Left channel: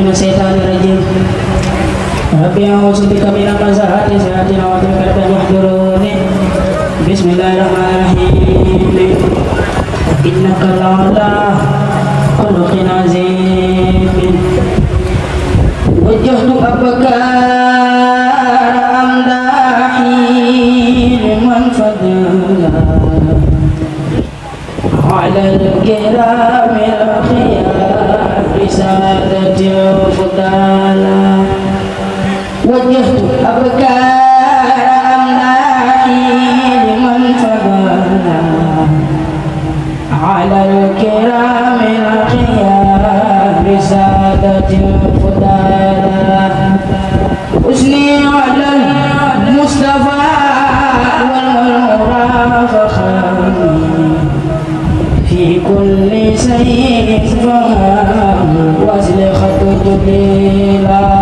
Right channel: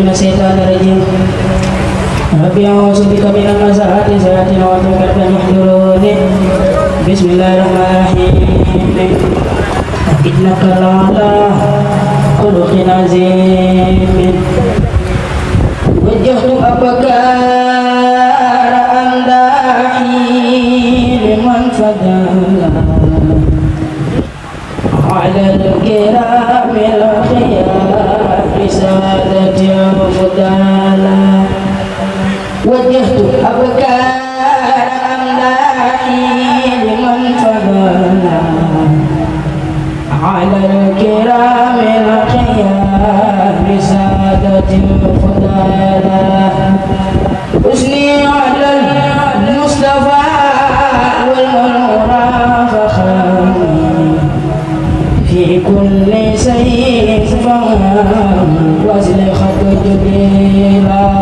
من الشيطان الرجيم ربي أعوذ بك من همزات الشياطين وأعوذ بك أن يحضرون بسم الله الرحمن الرحيم إنك لعلى خلق عظيم وجهت أبكار أمداحي لمن فضل على الكرام الخيار بسادة الفضالة وجهت أبكار أمداحي لمن فضل على الكرام الخيار بسادة الفضالة أثني على المصطفى والمرافقة في كل سيف وزلخة جبريلا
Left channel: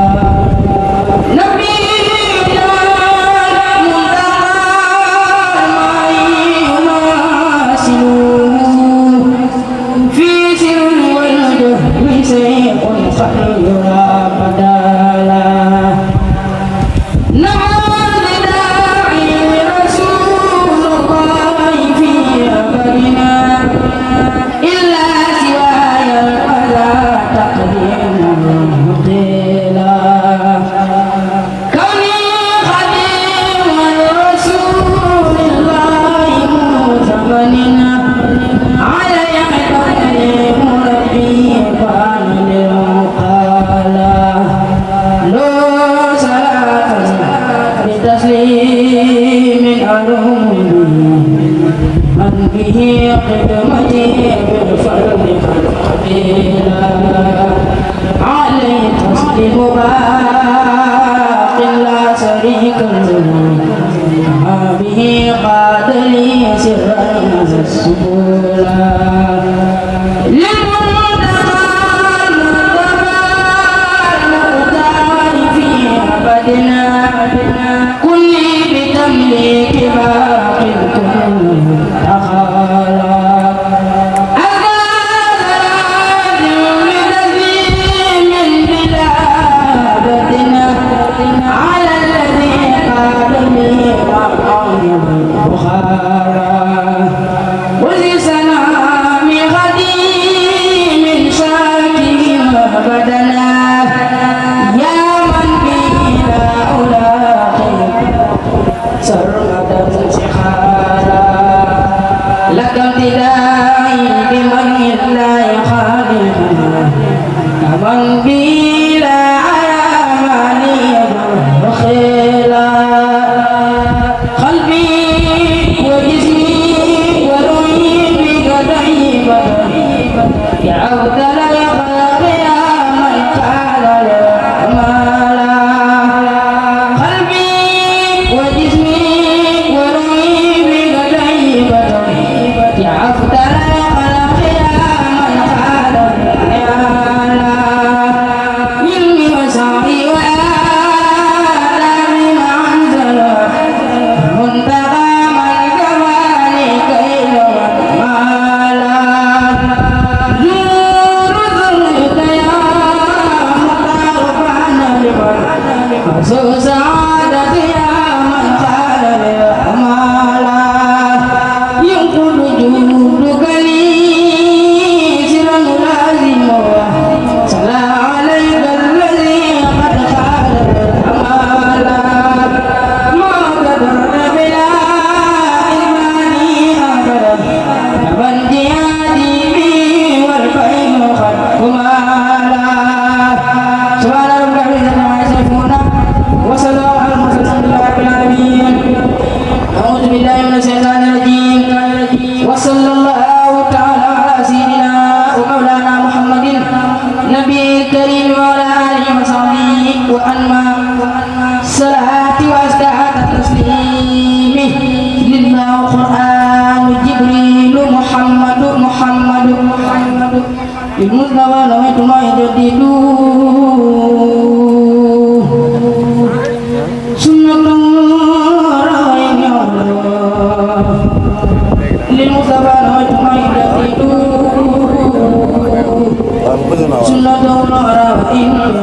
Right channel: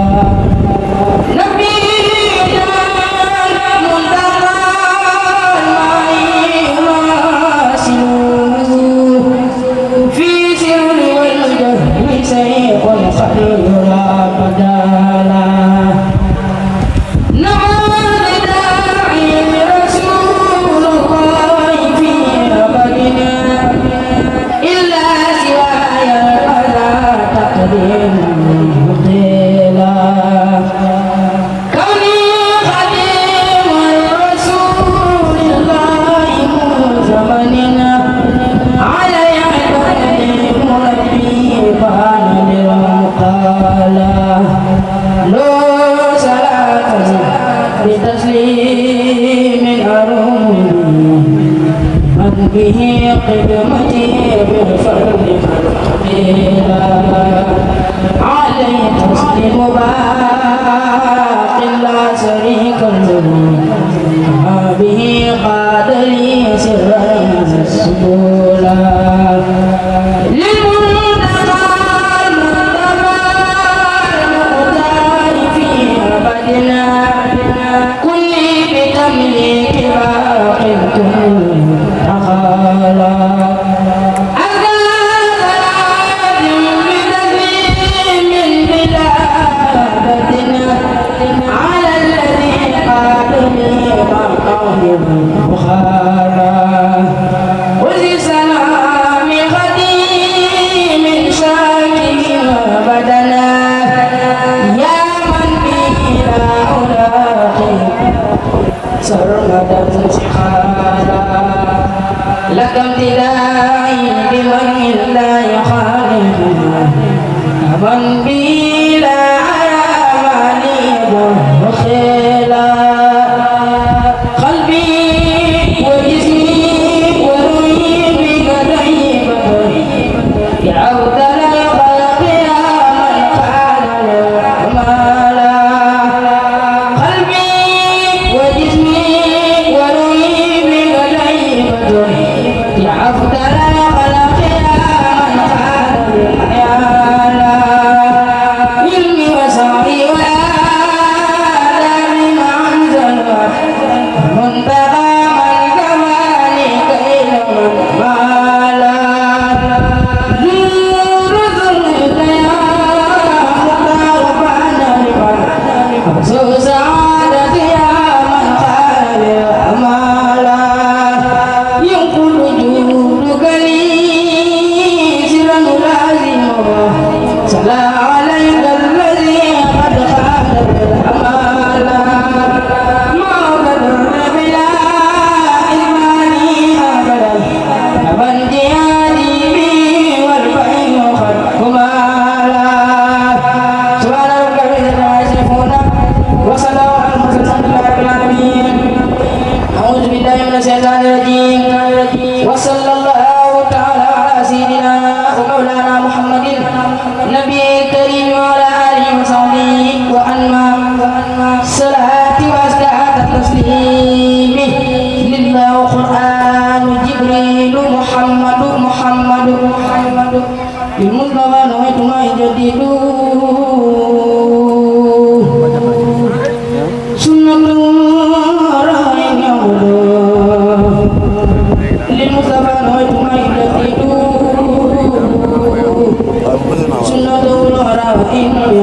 به قدمتي بالفرد قبيلا عليه تسليم باق لا شريك له كما به قاد لي سرا السبولا للمنتقى المختار في أبدنا كل بتمليك باق لك امتدائي بمن لا يخالف كمن بي لا عمالي خيلا قلبي وجسمي وروحي بك دائما يا عبد الخلق يا من قال الأمالا قلبي وجسمي وصلى الله تعالى على سيدنا ومولانا محمد نبي الكريم وعلى آله وصحبه وأنما الصلاة وأزكى التسليم لله قرآن جبريل محمد للمصطفى نويت ما يجدد سنة للمصطفى نويت ما يجدد سنة الله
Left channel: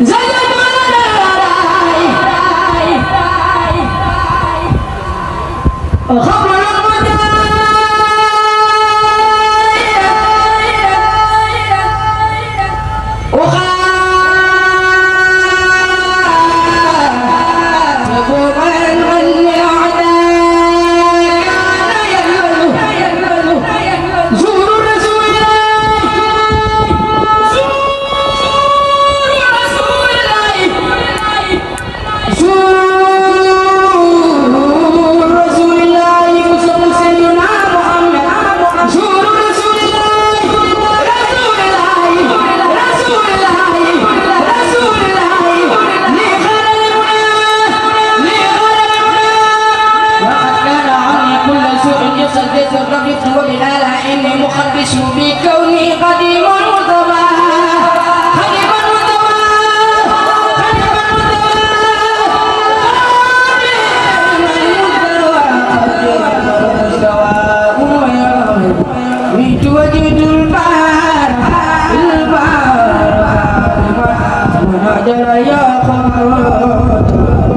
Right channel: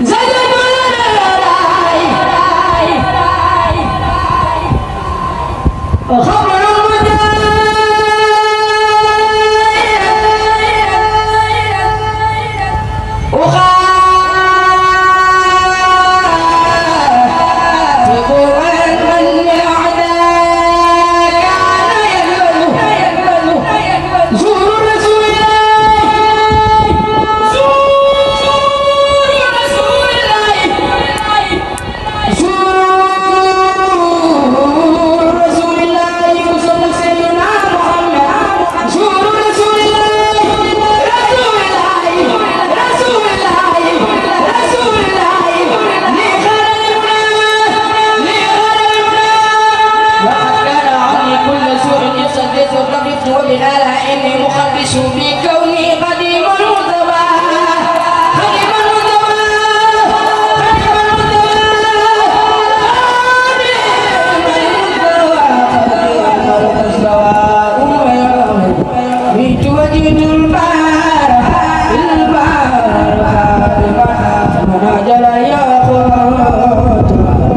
زيد أقدس بكوني قديم المرتضى قديم المرتضى قديم المرتضى ميت وجد البار البار ونادل يا خبر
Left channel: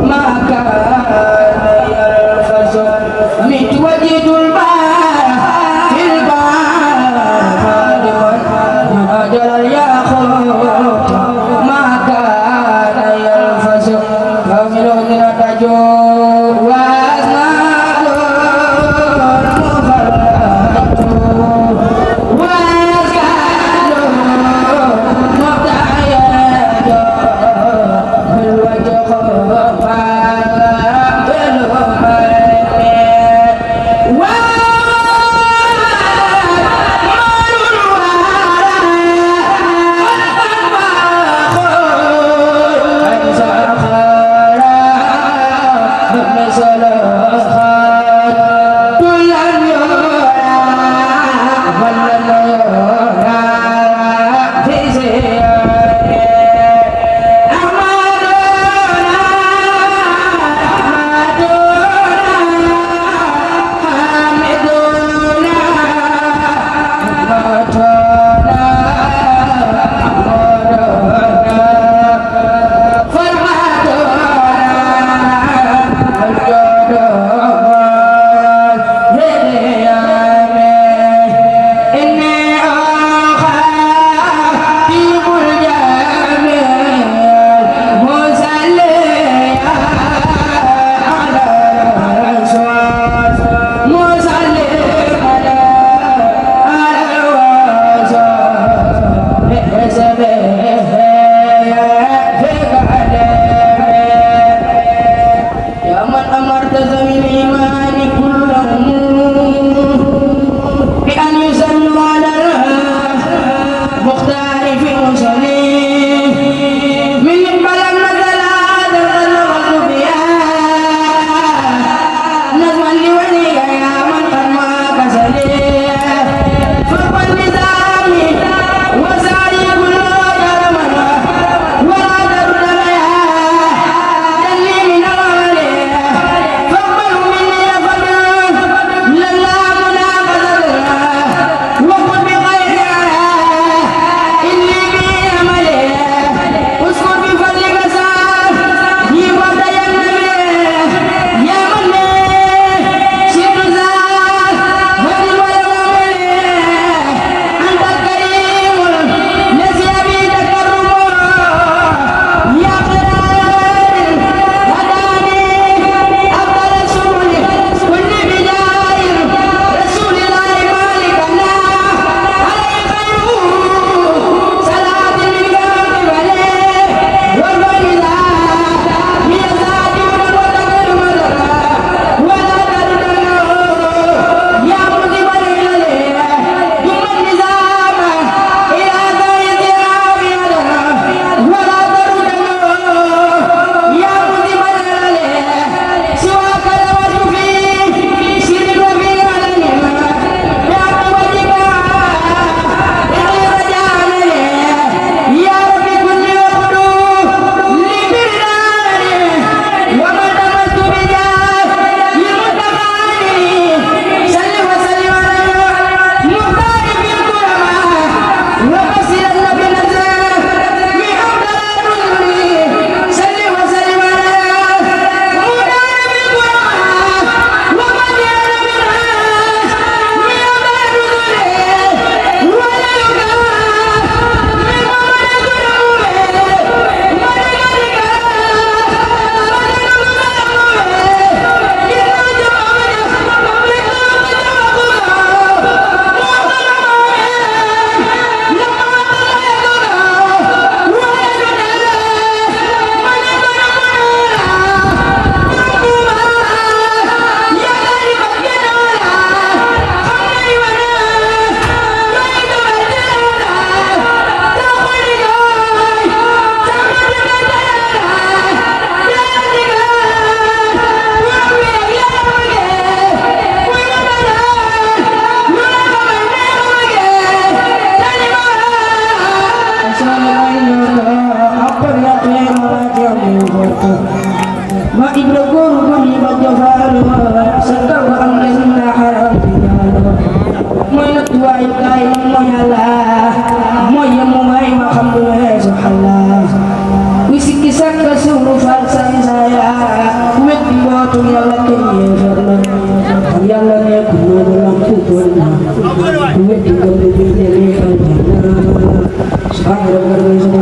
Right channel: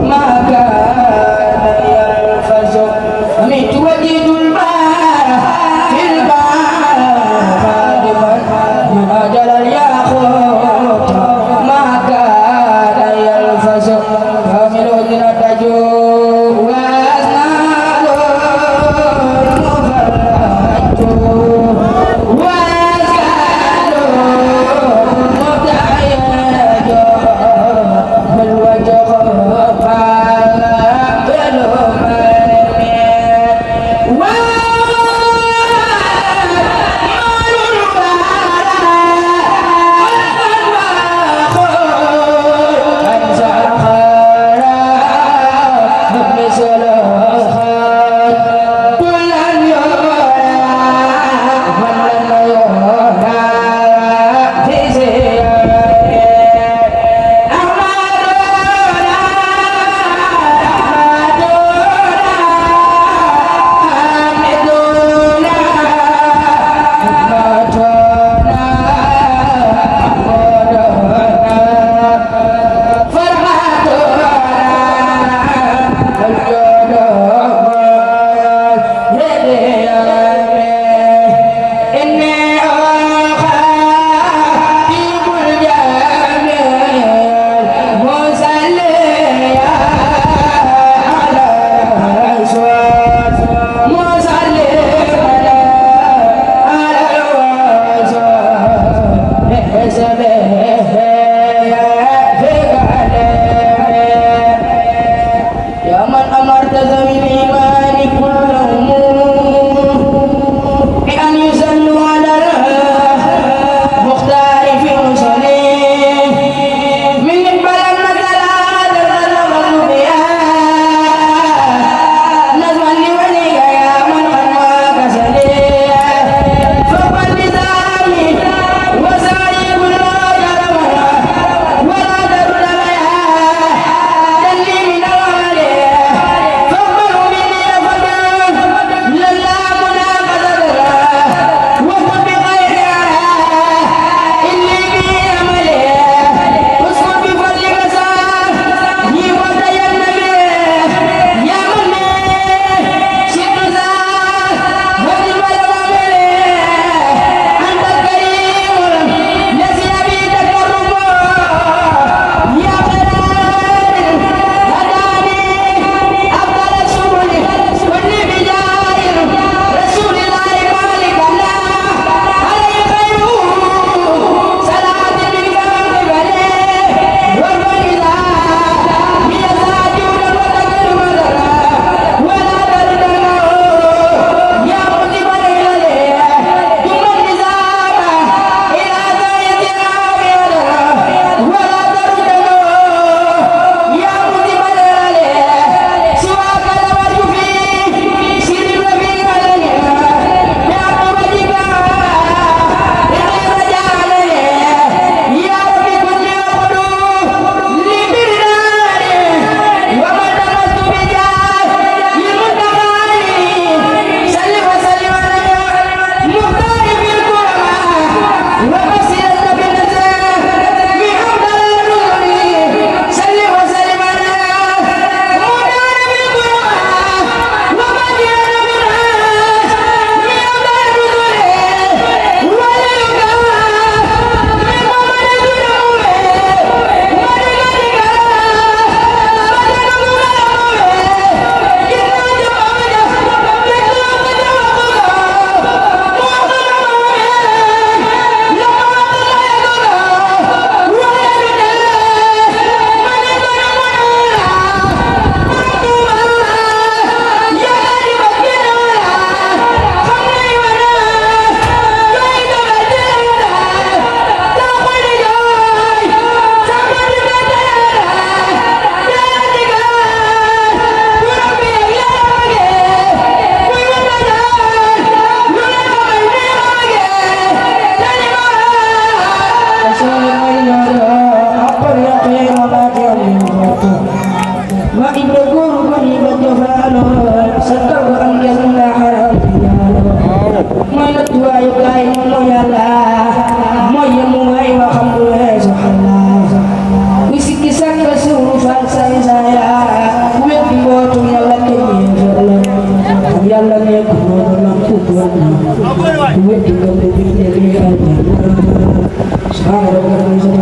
ما كان يرفض ميت وجد البار في البار xaloo sakkal ko am ngeen la xaram mooy la tuwaayu kaay mooy yàlla mooy yemu waay ma xam lu weesu xalla ku sikki sàkka suuru fan say saya weddi mbootu yàlla kenn yéefar la yàlla nekk moo du lampu doon na weddi ngam de bi jëlee aljanna subhaana rabbika